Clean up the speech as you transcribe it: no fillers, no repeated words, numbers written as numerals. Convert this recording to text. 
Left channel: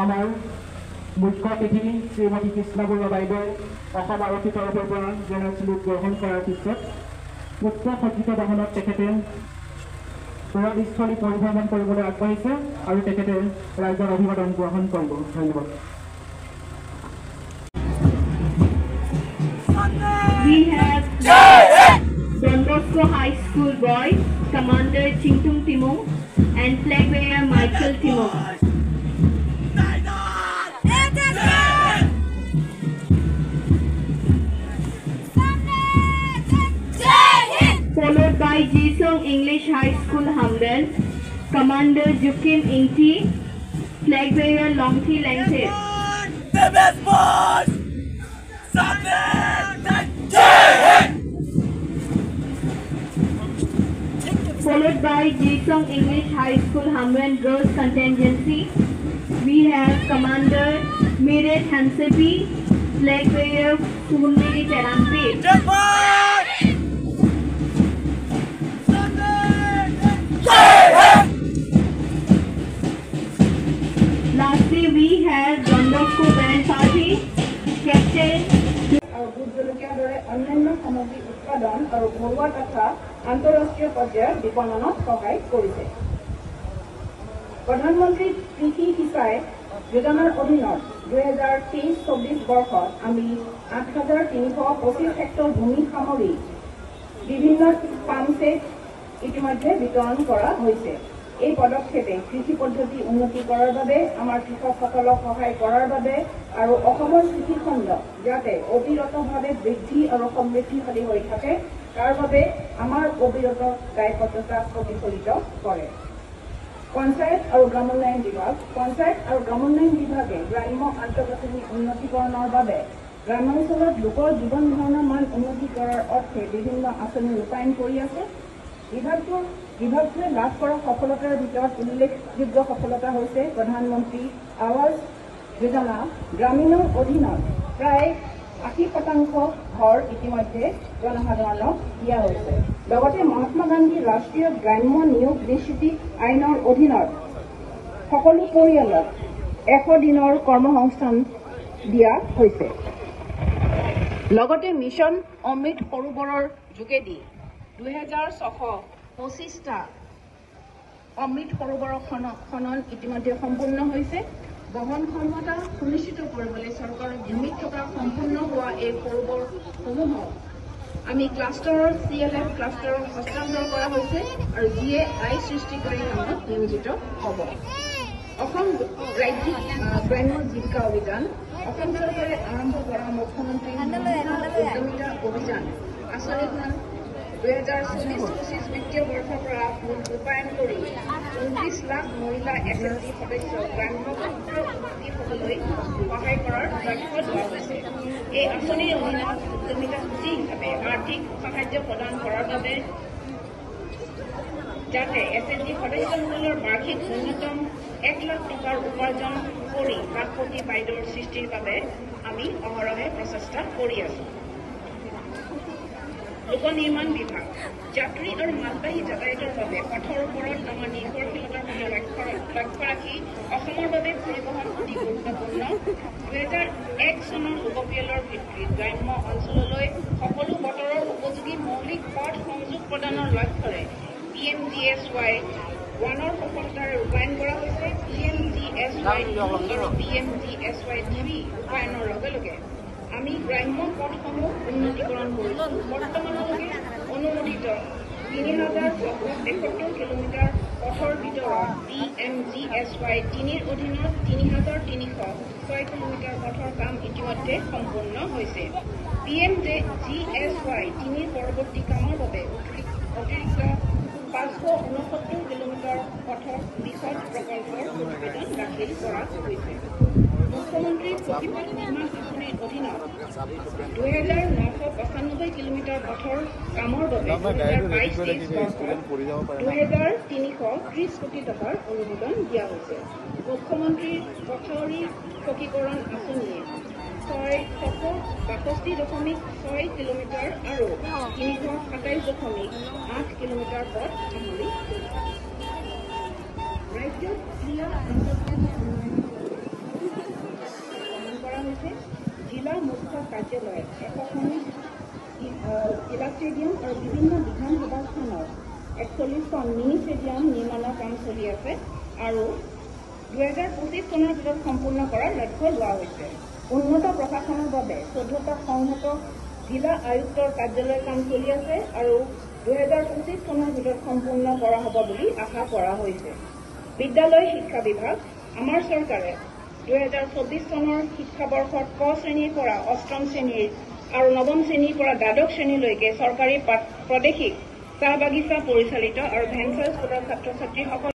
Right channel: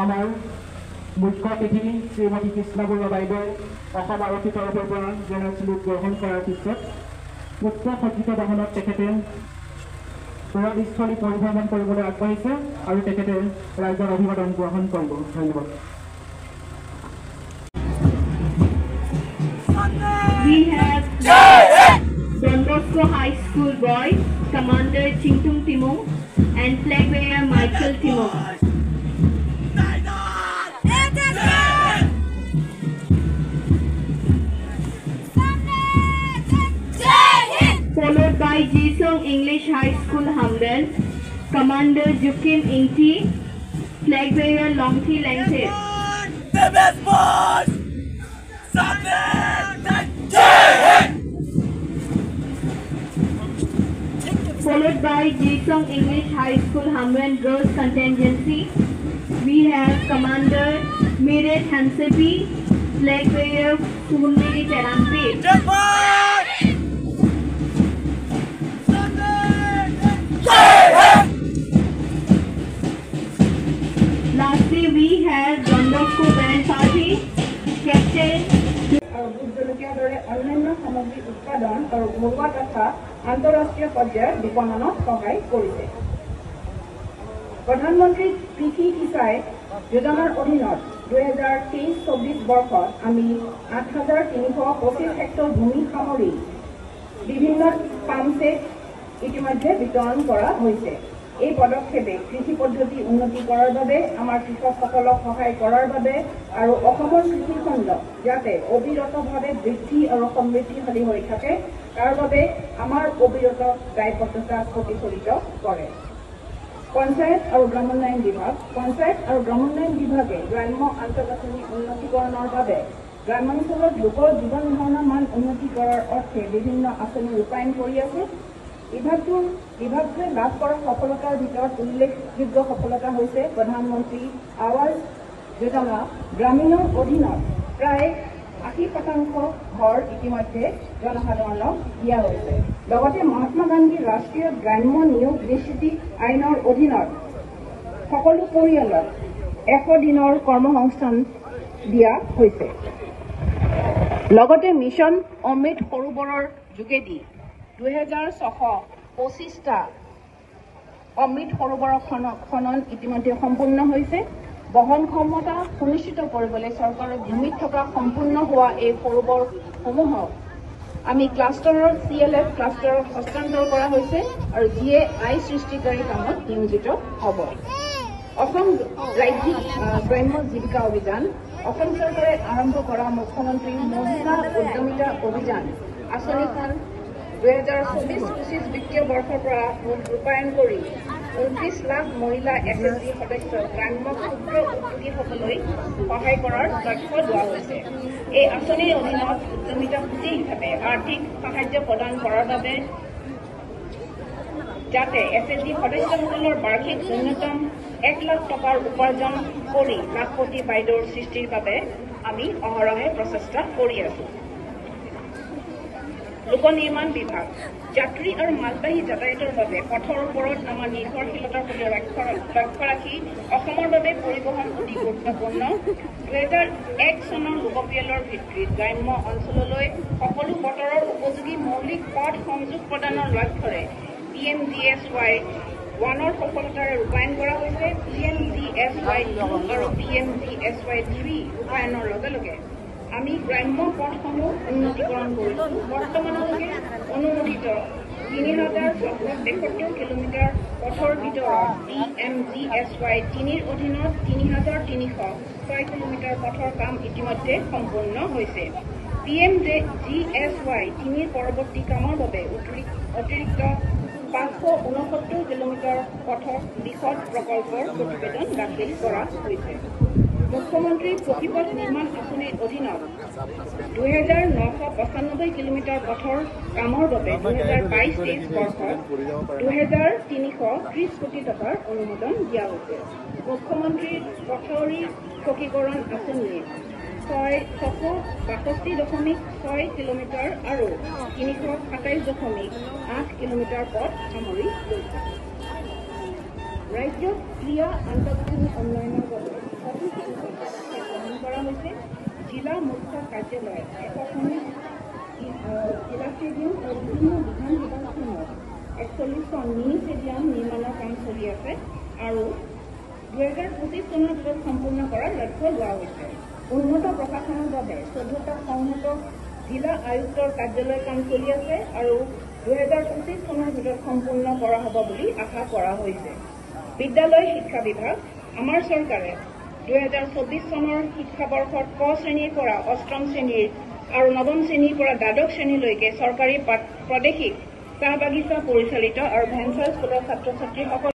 আমাৰ মুখ্য অতিথি শ্ৰীমতী কৃষ্ণা বৰুৱা বাইদেৱে অসম আৰক্ষীৰ তৰফৰ পৰা জেনেৰেল চেলুট গ্ৰহণ কৰাৰ পিছত মুখ্য সজ্জিত বাহনত তেখেতে পৰাস্থলী পৰিভ্ৰমণ কৰিবলৈ আগবাঢ়িছে আৰু তেখেতে ৰাইজৰ অভিবাদন গ্ৰহণ কৰিব। ধন্যবাদ। We have Don Bosco High School boys, Commander Chingtung Timong and flag bearer Michael Timong. Followed by Jisung English High School Hamden, Commander Jukim Ingti, flag bearer Longthi Lengthe. The best boys! Followed by Jisung English High School Hamden Girls Contingency, we have Commander Miret Hansepi, flag bearer Sunmiri Terampi. Lastly, we have Don Bosco Band Party, Captain. অন্যান্য সামগ্ৰী উৎপাদন আৰু ঘৰুৱা তথা আন্তঃৰাষ্ট্ৰীয় পৰ্যায়ত বিপণনত সহায় কৰিছে। প্ৰধানমন্ত্ৰী কৃষি সিঁচাই যোজনাৰ অধীনত 2023-24 বৰ্ষত আমি 8,325 হেক্টৰ ভূমি সামৰি বিভিন্ন পাম্প ছেট ইতিমধ্যে বিতৰণ কৰা হৈছে। এই পদক্ষেপে কৃষি পদ্ধতি উন্নতি কৰাৰ বাবে আমাৰ কৃষকসকলক সহায় কৰাৰ বাবে আৰু অসমৰ কৃষিখণ্ড যাতে অবিৰতভাৱে বৃদ্ধি আৰু সমৃদ্ধিশালী হৈ থাকে তাৰ বাবে আমাৰ অবিৰত দায়বদ্ধতাক প্ৰতিফলিত কৰে। পঞ্চায়ত আৰু গ্ৰামোন্নয়ন বিভাগে গ্ৰাম্য আন্তঃগাঁথনি উন্নতিকৰণৰ বাবে গ্ৰামাঞ্চলত লোকৰ জীৱন ধাৰণৰ মান উন্নতি কৰাৰ অৰ্থে বিভিন্ন আঁচনি ৰূপায়ণ কৰি আছে। বিভাগটোৱে লাভ কৰা সফলতাৰ ভিতৰত উল্লেখযোগ্য সফলতা হৈছে প্ৰধানমন্ত্ৰী আৱাস যোজনা গ্ৰামীণৰ অধীনত প্ৰায় 80% ঘৰ ইতিমধ্যে জনসাধাৰণক দিয়া হৈছে। লগতে মহাত্মা গান্ধী ৰাষ্ট্ৰীয় গ্ৰাম্য নিয়োগ নিশ্চিতি আইনৰ অধীনত সকলো পৰিয়ালক 100 দিনৰ কৰ্মসংস্থান দিয়া হৈছে। লগতে মিছন অমৃত সৰোবৰৰ যোগেদি 2625টা অমৃত সৰোবৰ খনন ইতিমধ্যে সম্পূৰ্ণ হৈছে। বহন ক্ষমতা সুনিশ্চিত কৰিবলৈ চৰকাৰৰ ভূমিত থকা সম্পূৰ্ণ হোৱা এই সৰোবৰসমূহক আমি ক্লাষ্টাৰৰ CLF ক্লাষ্টাৰত হস্তান্তৰ কৰা হৈছে আৰু যিয়ে আয় সৃষ্টিকাৰী কামত নিয়োজিত হ'ব। অসম ৰাজ্যিক গ্ৰাম্য জীৱিকা অভিযান অসম চৰকাৰে আৰম্ভ কৰা মুখ্যমন্ত্ৰী মহিলা উদ্যমিতা অভিযান আঁচনিখন 2024-25 বিত্তীয় বৰ্ষৰ পৰা ৰূপায়ণ কৰি 29 লাখ মহিলা SSG সদস্যক গ্ৰাম্য ক্ষুদ্ৰ উদ্যোগীসকললৈ সহায় কৰাৰ লক্ষ্য লোৱা হৈছে। এই আঁচনিৰ অধীনত উদ্যমিতামুখী হিচাপে আৰ্থিক সাহায্য প্ৰদান কৰাৰ বাবে যাতে SSG সদস্যসকলৰ বাৰ্ষিক ন্যূনতম 1 লাখ টকাৰ উপাৰ্জন কৰি লাখপতি বাইদেউৰ সৃষ্টিৰ বাবে আমি অহৰহে প্ৰচেষ্টা কৰি আছো। লোক নিৰ্মাণ বিভাগ যাত্ৰী আৰু মালবাহী যাতায়াতৰ বাবে পথৰ ওপৰত আমাৰ নিৰ্ভৰশীলতাৰ প্ৰতি লক্ষ্য ৰাখি অসমৰ বাবে পৰিবহণ অতি গুৰুত্বপূৰ্ণ। 2001 চনৰ লোকপিয়লৰ ভিত্তিত গ্ৰাম্য অঞ্চললৈ সকলো বতৰৰ উপযোগী মৌলিক পথ সংযোগ প্ৰদানৰ লক্ষ্যৰে PMGSY 1ৰ সফলতাৰে ৰূপায়ণ কৰা হৈছে। PMGSY 2 আৰু PMGSY 3 ৰূপায়ণৰ লগে লগে আমি গ্ৰাম্য পথসমূহ উন্নতিকৰণ কৰিছোঁ। বৰ্তমানলৈকে অনুমোদিত 3073 কিলোমিটাৰ পথৰ ভিতৰত PMGSY 3ৰ অধীনত 3306 কিলোমিটাৰ পথৰ কাম ইতিমধ্যে সম্পূৰ্ণ হৈছে। PMGSY 3ৰ পৰৱৰ্তী কামৰ বাবে অতিৰিক্ত 569 কিলোমিটাৰ পথৰ বিশদ প্ৰকল্পৰ প্ৰতিবেদন দাখিল কৰা হৈছে। মুখ্যমন্ত্ৰী পথিপথ নিৰ্মাণ আঁচনিৰ অধীনত 2995 কিলোমিটাৰ পথৰ কামৰ বাবে 2022-23 বৰ্ষত 2330 কোটি টকাৰ অনুমোদন দিয়া হৈছে। মুখ্যমন্ত্ৰী পথৰি পকীকৰণ আঁচনিয়ে 662.6 কিলোমিটাৰ আৰু 327.8 কিলোমিটাৰ পথ সামৰি ৰাজ্যত ক্ৰীড়া আন্তঃগাঁথনি উন্নয়নৰ বাবে কৰা হৈছে জিলা মুখ্য কাৰ্যালয়ত 119 জিলা ষ্টেডিয়াম আৰু বিভিন্ন বিধানসভা স্থানত 41খন মিনি ষ্টেডিয়াম নিৰ্মাণৰ কাম চলি আছে আৰু 2025 চনৰ ভিতৰত সম্পূৰ্ণ কৰাৰ লক্ষ্য লোৱা হৈছে। উন্নত প্ৰশাসনৰ বাবে 14টা সংহত জিলা আয়ুক্তৰ কাৰ্যালয় কাম চলি আছে আৰু 2025 চনৰ ভিতৰত সম্পূৰ্ণ কৰা হ'ব বুলি আশা কৰা হৈছে। বিদ্যালয় শিক্ষা বিভাগ আমাৰ চৰকাৰে 2024 চনৰ শিক্ষাবৰ্ষত ক শ্ৰেণীৰ পৰা অষ্টম শ্ৰেণীৰ আৰু নৱম শ্ৰেণীৰ পৰা দ্বাদশ শ্ৰেণীলৈকে চৰকাৰী প্ৰাদেশিক চাহ বাগিচা পৰিচালিত আৰু ভেঞ্চাৰ স্কুলৰ ছাত্ৰ ছাত্ৰীসকল